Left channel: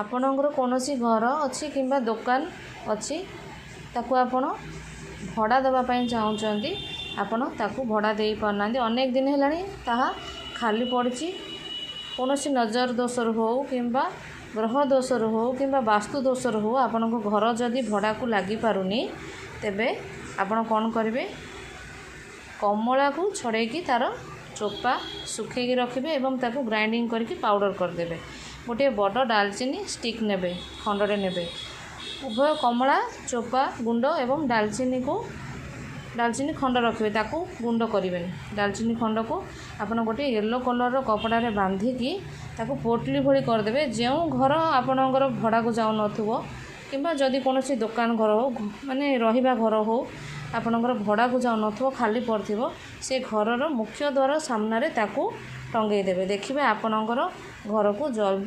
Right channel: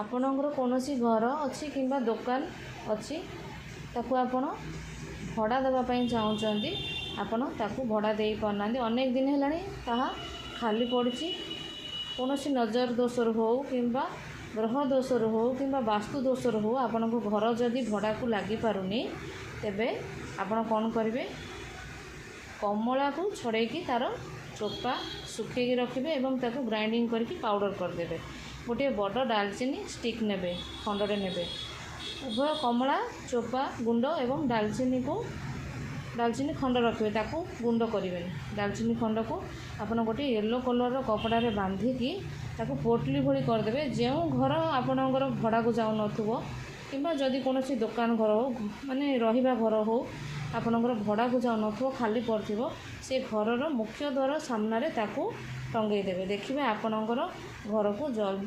ଆପଣଙ୍କର କୌଣସି ଘର ଅଛି କିମ୍ବା ଦୋକାନ ଅଛି, ତାକୁ ଆପଣ ଭଡ଼ା ଦେବା ପାଇଁ ଚାହୁଁଛନ୍ତି, ଆପଣ ତାକୁ ଭଡ଼ା ଦେଇପାରୁନାହାନ୍ତି, ଅନେକ ଦିନ ହେଲାଣି ତାହା ଖାଲି ପଡ଼ିଛି। କୌଣସି ନଜର ଦୋଷରୁ ହେଉ କିମ୍ବା ଗ୍ରହ ଦୋଷରୁ ହେଉ କିମ୍ବା ବାସ୍ତୁ ଦୋଷରୁ ହେଉ ଆପଣଙ୍କ ଘର ଯଦି ଭଡ଼ାକୁ ଲାଗିପାରୁନି, ତେବେ ଆପଣ କ'ଣ କରିବେ? କମଳାକୁ ଛଡ଼େଇକି ତା'ର ଚୋପା ଶୁଖେଇକି ରଖିବେ ଏବଂ ତାକୁ ଗ୍ରାଇଣ୍ଡିଙ୍ଗ କରିକି ପାଉଡ଼ର କରିଦେବେ। ଗୋଟିଏ ବଡ଼ ଡାଲଚିନି ଷ୍ଟିକ୍ ନେବେ, ଖଣ୍ଡଟେ ନେବେ। ଉଭୟ କମଳା ଚୋପା ଗୁଣ୍ଡ ଏବଂ ଡାଲଚିନି ଖଣ୍ଡ ରଖିବେ, ତାକୁ ଗୁଣ୍ଡ କରିବେନି। ଡାଲଚିନି ଖଣ୍ଡକୁ ଆପଣ ଗୋଟିଏ ୟେଲୋ କଲର୍ର କପଡ଼ାରେ ବାନ୍ଧିକି ତାକୁ ପୋଟଲି ଭଳି କରିଦେବେ। ଯେଉଁ ଘର ଆପଣଙ୍କର ଭଡ଼ାକୁ ଯାଉନଥିବ କିମ୍ବା ଯଦି କୌଣସି ଦୋକାନ ଘର ହେଉ, ମାନେ ରହିବା ଘର ହେଉ, ଆପଣଙ୍କର ଭଡ଼ାକୁ ଯାଉନଥିବ, ଖାଲି ପଡ଼ିଥିବ, ସେ ଘରର ମୁଖ୍ୟ ଦ୍ୱାର ସାମ୍ନାରେ ତାକୁ ଟଙ୍ଗେଇ ଦେବେ। ଦେଖିବେ ଆପଣଙ୍କର ଘରକୁ ଜଲ୍ଦି